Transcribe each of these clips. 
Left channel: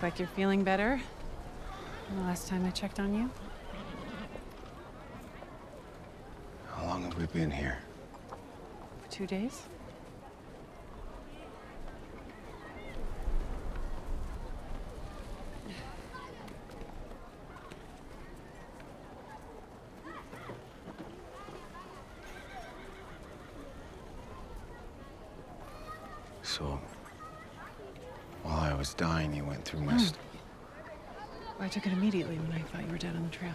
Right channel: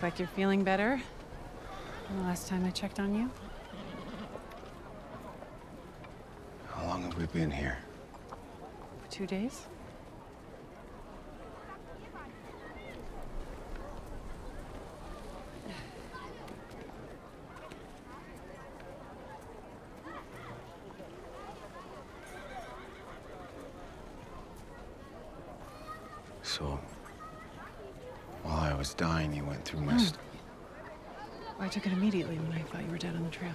Look like you're feeling better than the last time I checked on you. How long have we been here? For 2 days? So, while I was dying, you went through my I took it immediately when I thought you were dead on the trail.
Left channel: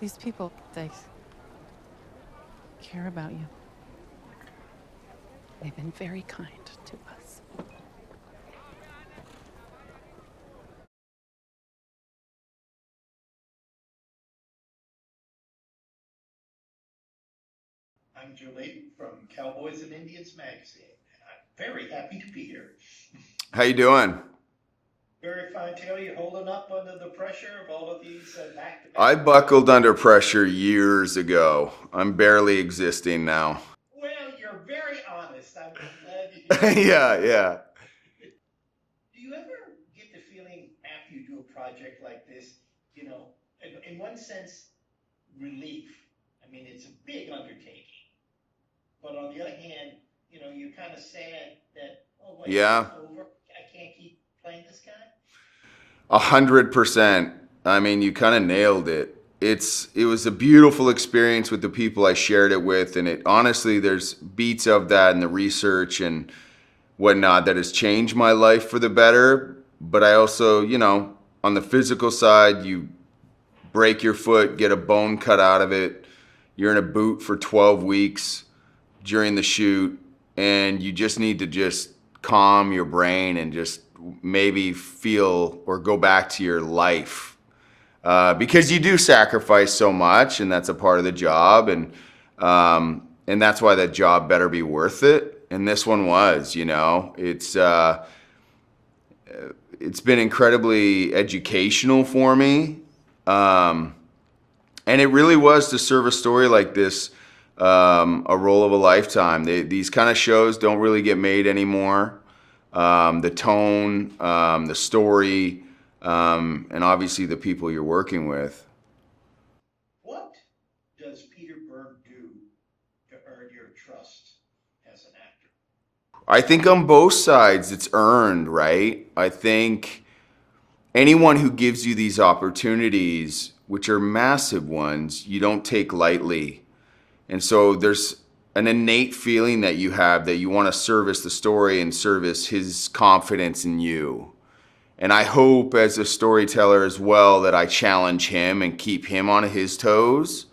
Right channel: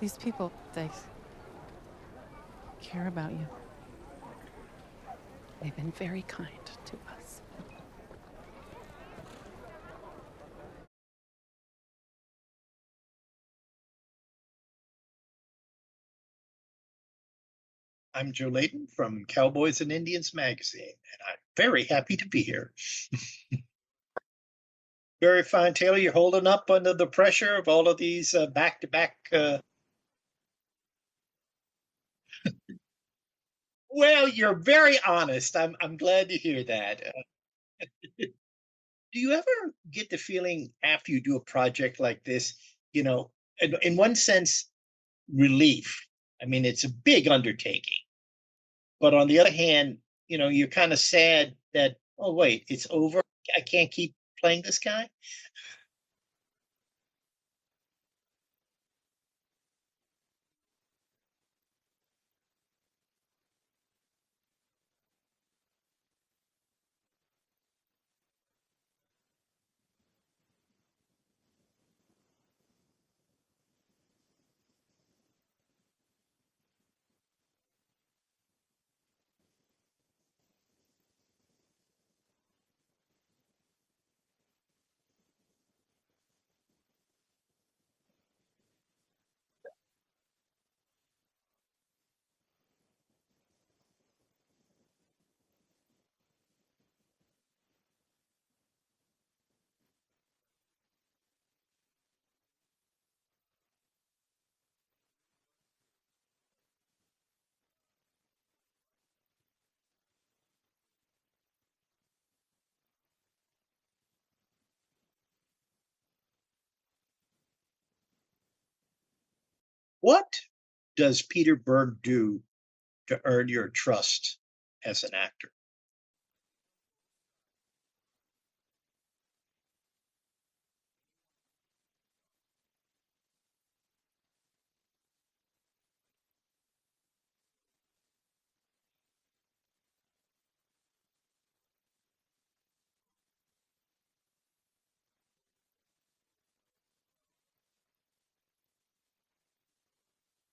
These people, they care about you. They've been very kind to us. I'm Joe Layton from Cowboys and Indians magazine, and I'm very happy to be here. How you doing? Very fine, Taylor. You're holding up under the pressure of all of these back-to-back. I buckled under pressure years ago. I'm barely existing now. Well, you're very honest. I'm glad to hear that. Yeah. Do you ever get the feeling after you do a project like this, in one sense, relief? I mean, it's a big undertaking. But on the other hand, you're kind of sad that, oh, wait, Yeah. It's over. I can't keep playing this guy. 100%. I mean, you kind of nailed it. It was a beautiful experience with the people I shared it with, and honestly, there's beats of that in the research and whatnot that has changed my life for the better. But I also, on the physical side, you break your foot, get a bone cut out of it. You're in a boot for 12 weeks during the shoot, and you just need to just calm your brain and just maybe feel or go back to your life. Because you do sacrifice so much, and that's a part of the job, and that's why that job better be worth it. And this one was, it's been incredibly educational for me. And it really was to serve a story like this, a role of a lifetime. These kind of shows don't really get made anymore. The tone, the story, and obviously the people you're working with. What does Peter Berg do to earn your trust as an actor? I think on both sides it's earned, right? I think anyone who gives you these opportunities, which are massive ones, you don't take lightly. And so there's an innate feeling that you have that you want to service the story and service his confidence in you. And I hope as a storyteller as well that I challenge him and keep him on his toes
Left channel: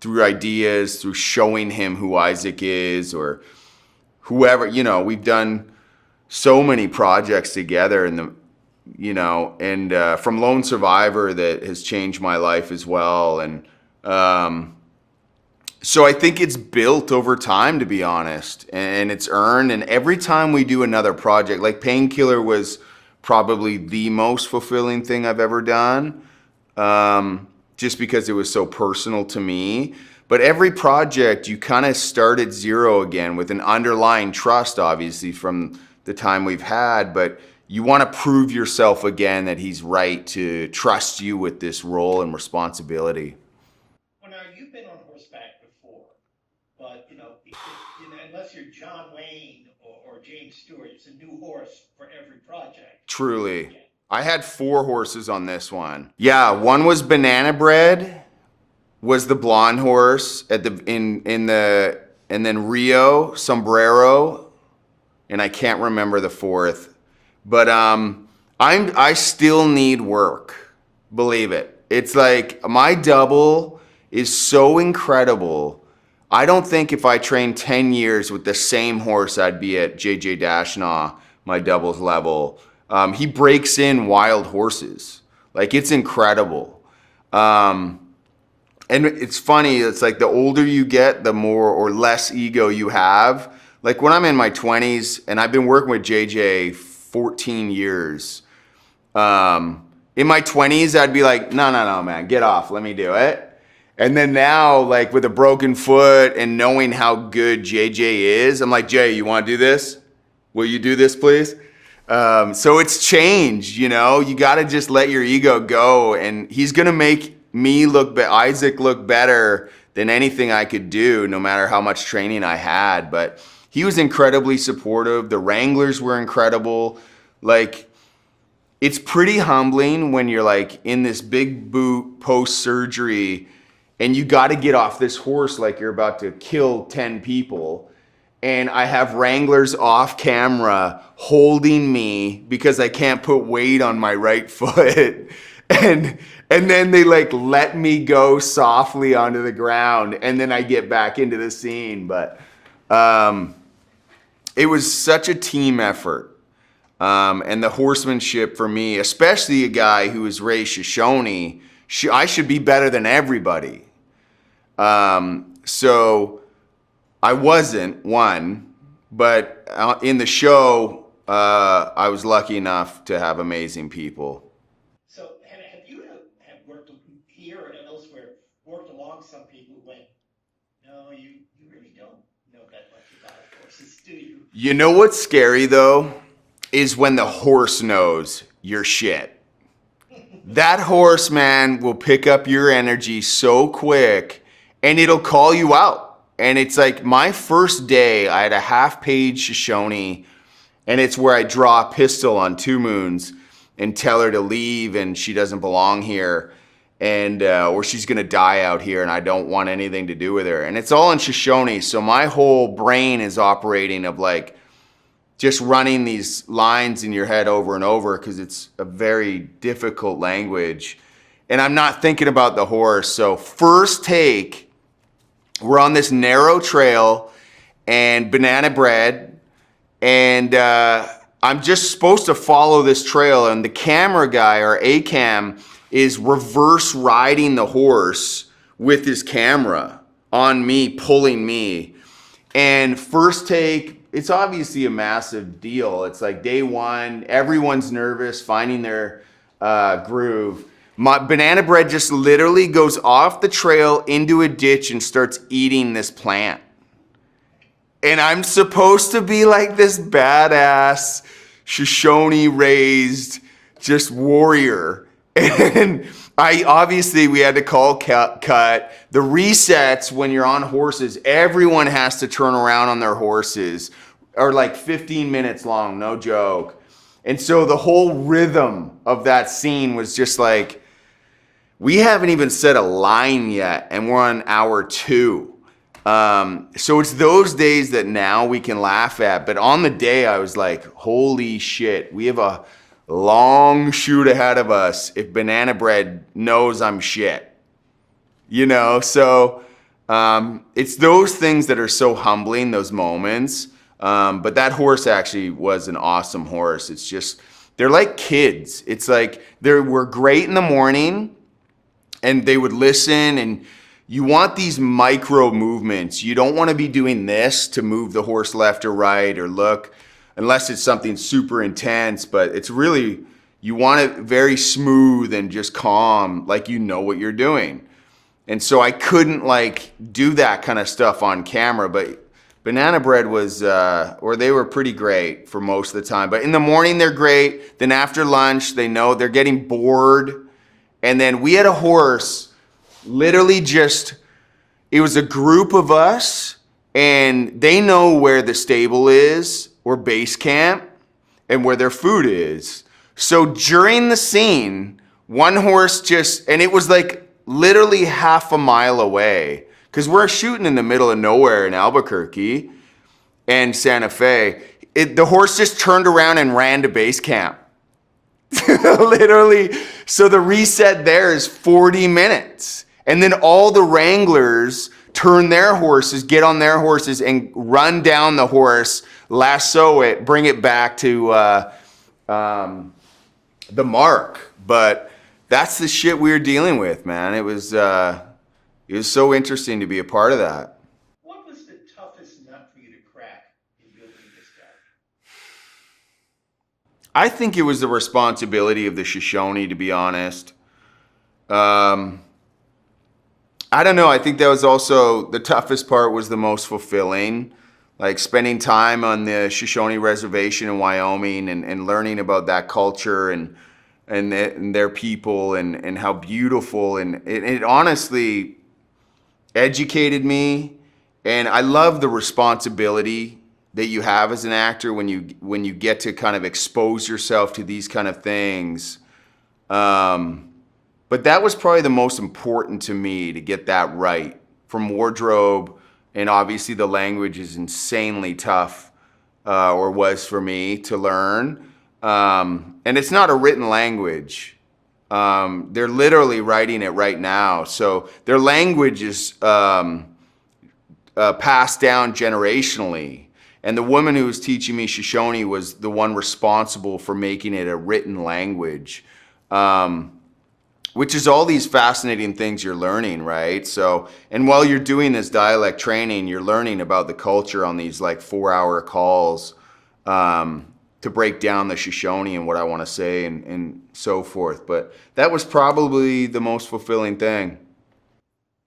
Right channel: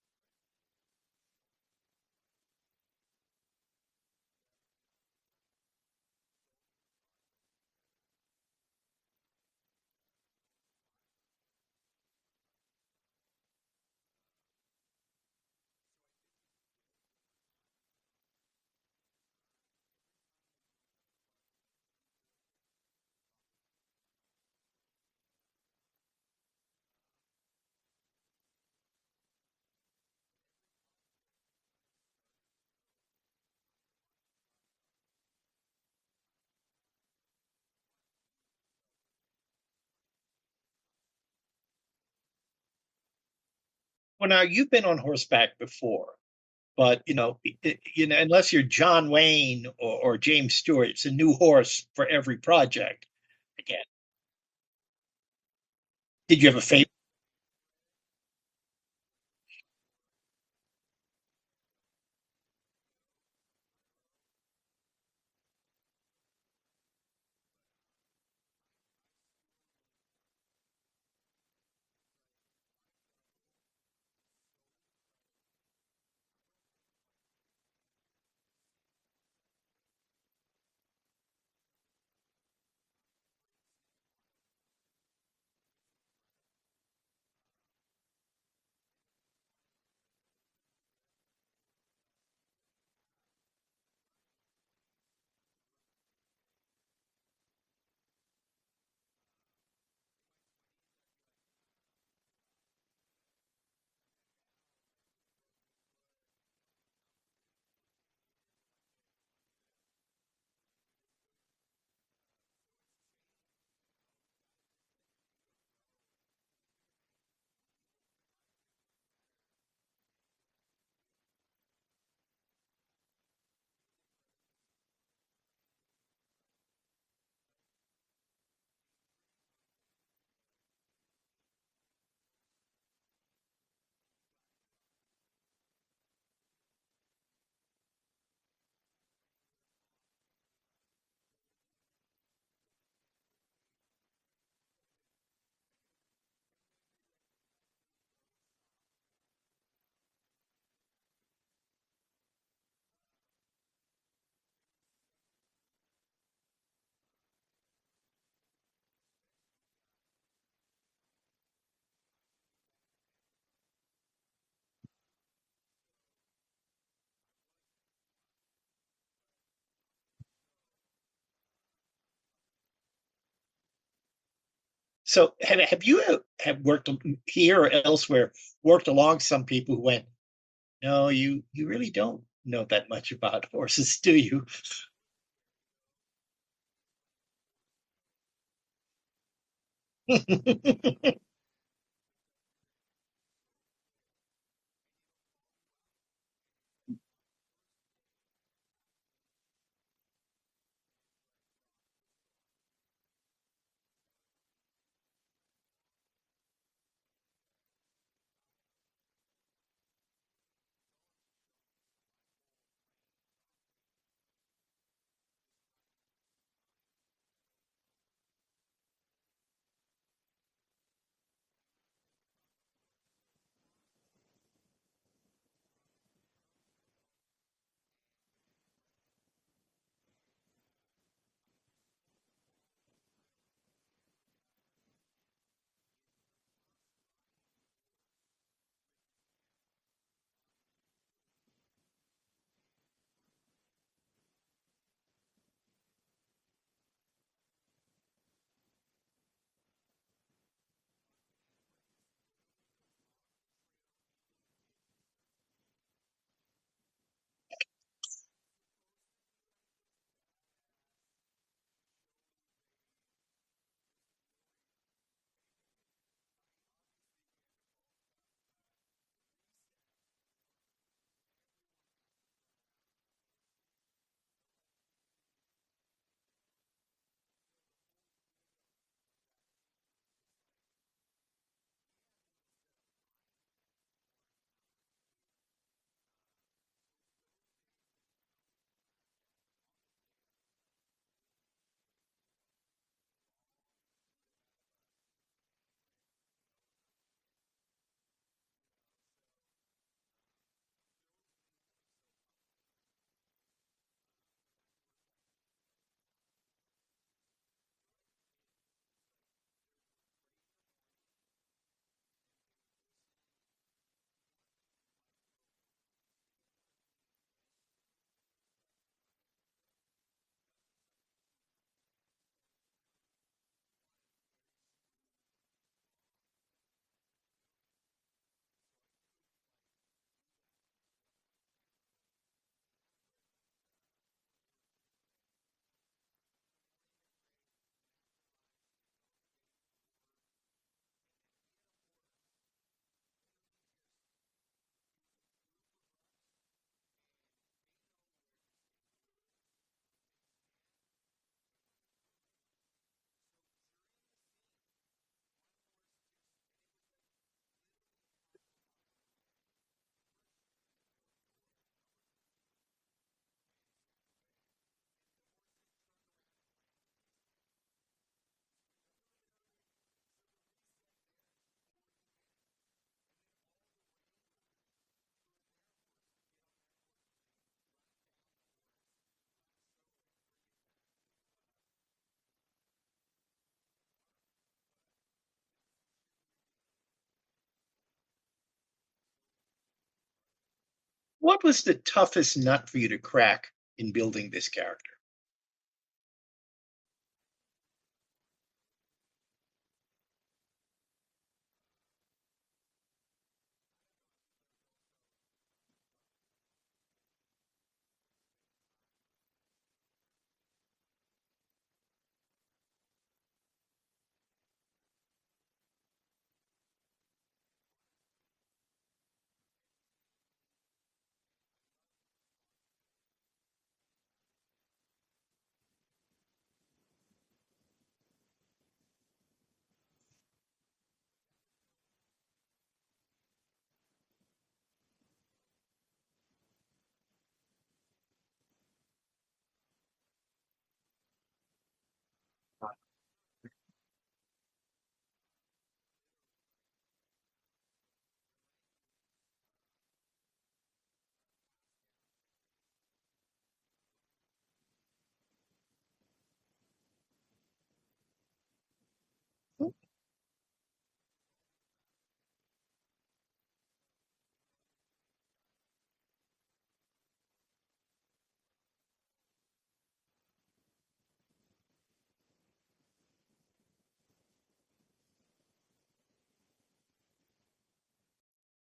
through ideas, through showing him who Isaac is or whoever. We've done so many projects together and from Lone Survivor that has changed my life as well. And so I think it's built over time, to be honest, and it's earned. And every time we do another project, like Painkiller was probably the most fulfilling thing I've ever done, just because it was so personal to me. But every project, you kind of start at zero again with an underlying trust, obviously, from the time we've had. But you want to prove yourself again that he's right to trust you with this role and responsibility. Well, now you've been on horseback before, but unless you're John Wayne or James Stewart, it's a new horse for every project. Truly. Yeah. I had 4 horses on this one. Yeah, one was Banana Bread, was the blonde horse and then Rio, Sombrero, and I can't remember the 4th. But I still need work, believe it. It's like my double is so incredible. I don't think if I trained 10 years with the same horse, I'd be at JJ Dashnaw, my doubles level. He breaks in wild horses. Like, it's incredible. And it's funny, it's like the older you get, the more or less ego you have. Like when I'm in my 20s, and I've been working with JJ 14 years. In my 20s, I'd be like, no, man, get off, let me do it. And then now, like with a broken foot and knowing how good JJ is, I'm like, Jay, you want to do this? Will you do this, please? So it's changed, you know. You got to just let your ego go, and he's gonna make me Isaac look better than anything I could do, no matter how much training I had. But he was incredibly supportive. The Wranglers were incredible. Like, it's pretty humbling when you're like in this big boot post-surgery and you got to get off this horse like you're about to kill 10 people. And I have Wranglers off camera holding me because I can't put weight on my right foot. And then they like let me go softly onto the ground, and then I get back into the scene. But it was such a team effort. And the horsemanship for me, especially a guy who is raised Shoshone, I should be better than everybody. So I wasn't one, but in the show, I was lucky enough to have amazing people. So have you have worked here or elsewhere, worked along some people who went, no, you really don't know that much about horses, do you? You know what's scary though, is when the horse knows you're shit. That horse, man, will pick up your energy so quick and it'll call you out. And it's like my first day, I had a half-page Shoshone, and it's where I draw a pistol on Two Moons and tell her to leave and she doesn't belong here, and or she's gonna die out here and I don't want anything to do with her. And it's all in Shoshone, so my whole brain is operating of like just running these lines in your head over and over because it's a very difficult language. And I'm not thinking about the horse. So first take, we're on this narrow trail and banana bread, and I'm just supposed to follow this trail, and the camera guy, or A-cam, is reverse riding the horse with his camera on me, pulling me. And first take, it's obviously a massive deal. It's like day one, everyone's nervous, finding their groove. My banana bread just literally goes off the trail into a ditch and starts eating this plant. And I'm supposed to be like this badass, Shoshone raised, just warrior. And we had to call cut. The resets when you're on horses, everyone has to turn around on their horses, are like 15 minutes long, no joke. And so the whole rhythm of that scene was just like, we haven't even said a line yet, and we're on hour 2. So it's those days that now we can laugh at. But on the day, I was like, holy shit, we have a long shoot ahead of us if banana bread knows I'm shit. You know, so it's those things that are so humbling, those moments. But that horse actually was an awesome horse. It's just, they're like kids. It's like they were great in the morning and they would listen, and you want these micro movements. You don't want to be doing this to move the horse left or right or look, unless it's something super intense, but it's really, you want it very smooth and just calm, like you know what you're doing. And so I couldn't like do that kind of stuff on camera, but banana bread was, or they were pretty great for most of the time. But in the morning, they're great. Then after lunch, they know they're getting bored. And then we had a horse, literally just, it was a group of us, and they know where the stable is, or base camp, and where their food is. So during the scene, one horse just, and it was like literally half a mile away, because we're shooting in the middle of nowhere in Albuquerque and Santa Fe. The horse just turned around and ran to base camp. Literally. So the reset there is 40 minutes. And then all the Wranglers turn their horses, get on their horses and run down the horse, lasso it, bring it back to the mark. But that's the shit we were dealing with, man. It was so interesting to be a part of that. What was the toughest nut for you to crack in building this character? I think it was the responsibility of the Shoshone, to be honest. I don't know. I think that was also the toughest part was the most fulfilling. Like spending time on the Shoshone Reservation in Wyoming and learning about that culture and their people and how beautiful and it honestly educated me. And I love the responsibility that you have as an actor when you get to kind of expose yourself to these kind of things. But that was probably the most important to me, to get that right. From wardrobe, and obviously the language is insanely tough, or was for me to learn. And it's not a written language. They're literally writing it right now. So their language is passed down generationally. And the woman who was teaching me Shoshone was the one responsible for making it a written language. Which is all these fascinating things you're learning, right? So, and while you're doing this dialect training, you're learning about the culture on these like 4-hour calls to break down the Shoshone and what I want to say and so forth. But that was probably the most fulfilling thing.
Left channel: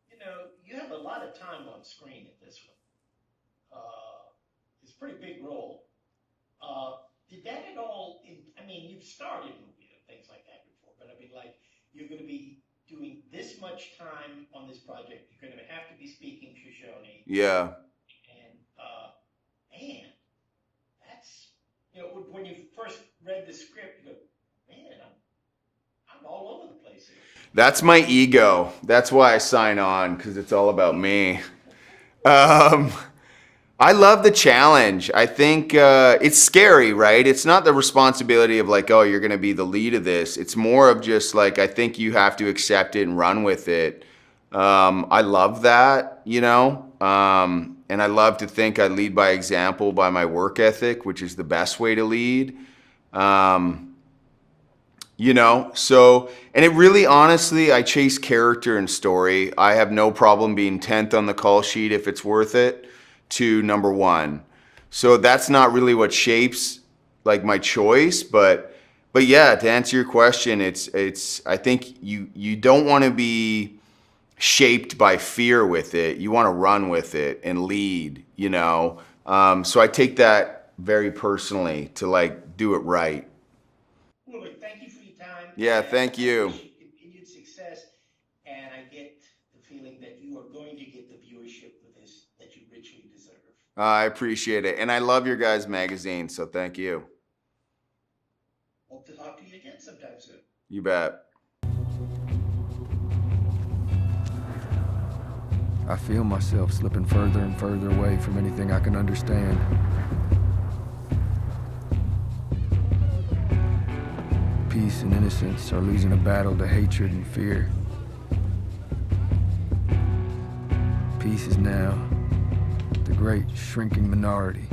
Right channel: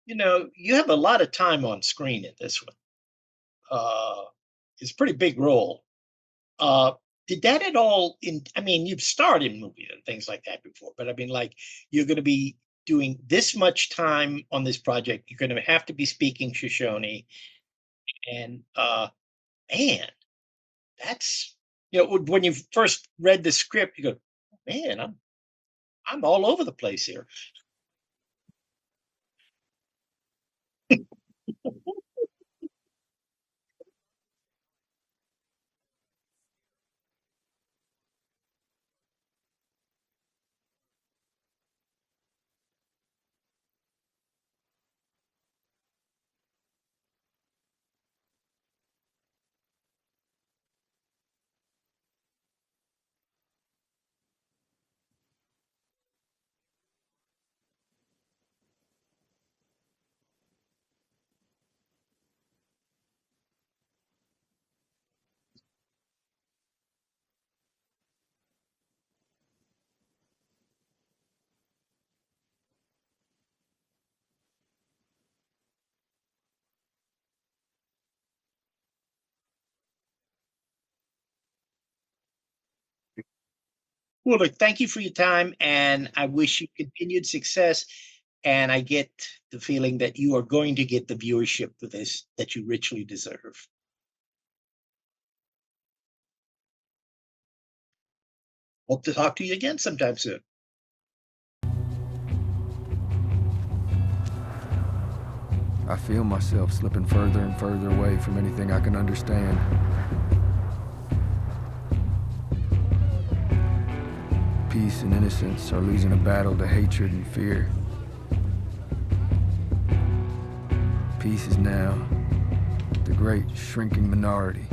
You know, you have a lot of time on screen in this one. It's a pretty big role. Did that at all I mean, you've starred in movies and things like that before, but I mean, like, you're going to be doing this much time on this project. You're going to have to be speaking Shoshone. Yeah. And, man, that's, you know, when you first read the script, you go, man, I'm all over the place here. That's my ego. That's why I sign on, because it's all about me. I love the challenge. I think it's scary, right? It's not the responsibility of like, oh, you're going to be the lead of this. It's more of just like, I think you have to accept it and run with it. I love that, you know? And I love to think I lead by example, by my work ethic, which is the best way to lead. You know, so, and it really, honestly, I chase character and story. I have no problem being 10th on the call sheet if it's worth it to number 1. So that's not really what shapes like my choice, but yeah, to answer your question, it's I think you don't want to be shaped by fear with it. You want to run with it and lead, you know. So I take that very personally to like do it right. Well, look, thank you for your time. Yeah, and thank you. I wish you continued success. And I get the feeling that you are going to get the viewership for this that you richly deserve. I appreciate it. And I love your guys' magazine, so thank you. Hope to talk to you again sometime soon. You bet. I feel myself slipping further and further away from anything I can understand. Peace and innocence are losing a battle to hatred and fear. Peace is now the great shrinking minority.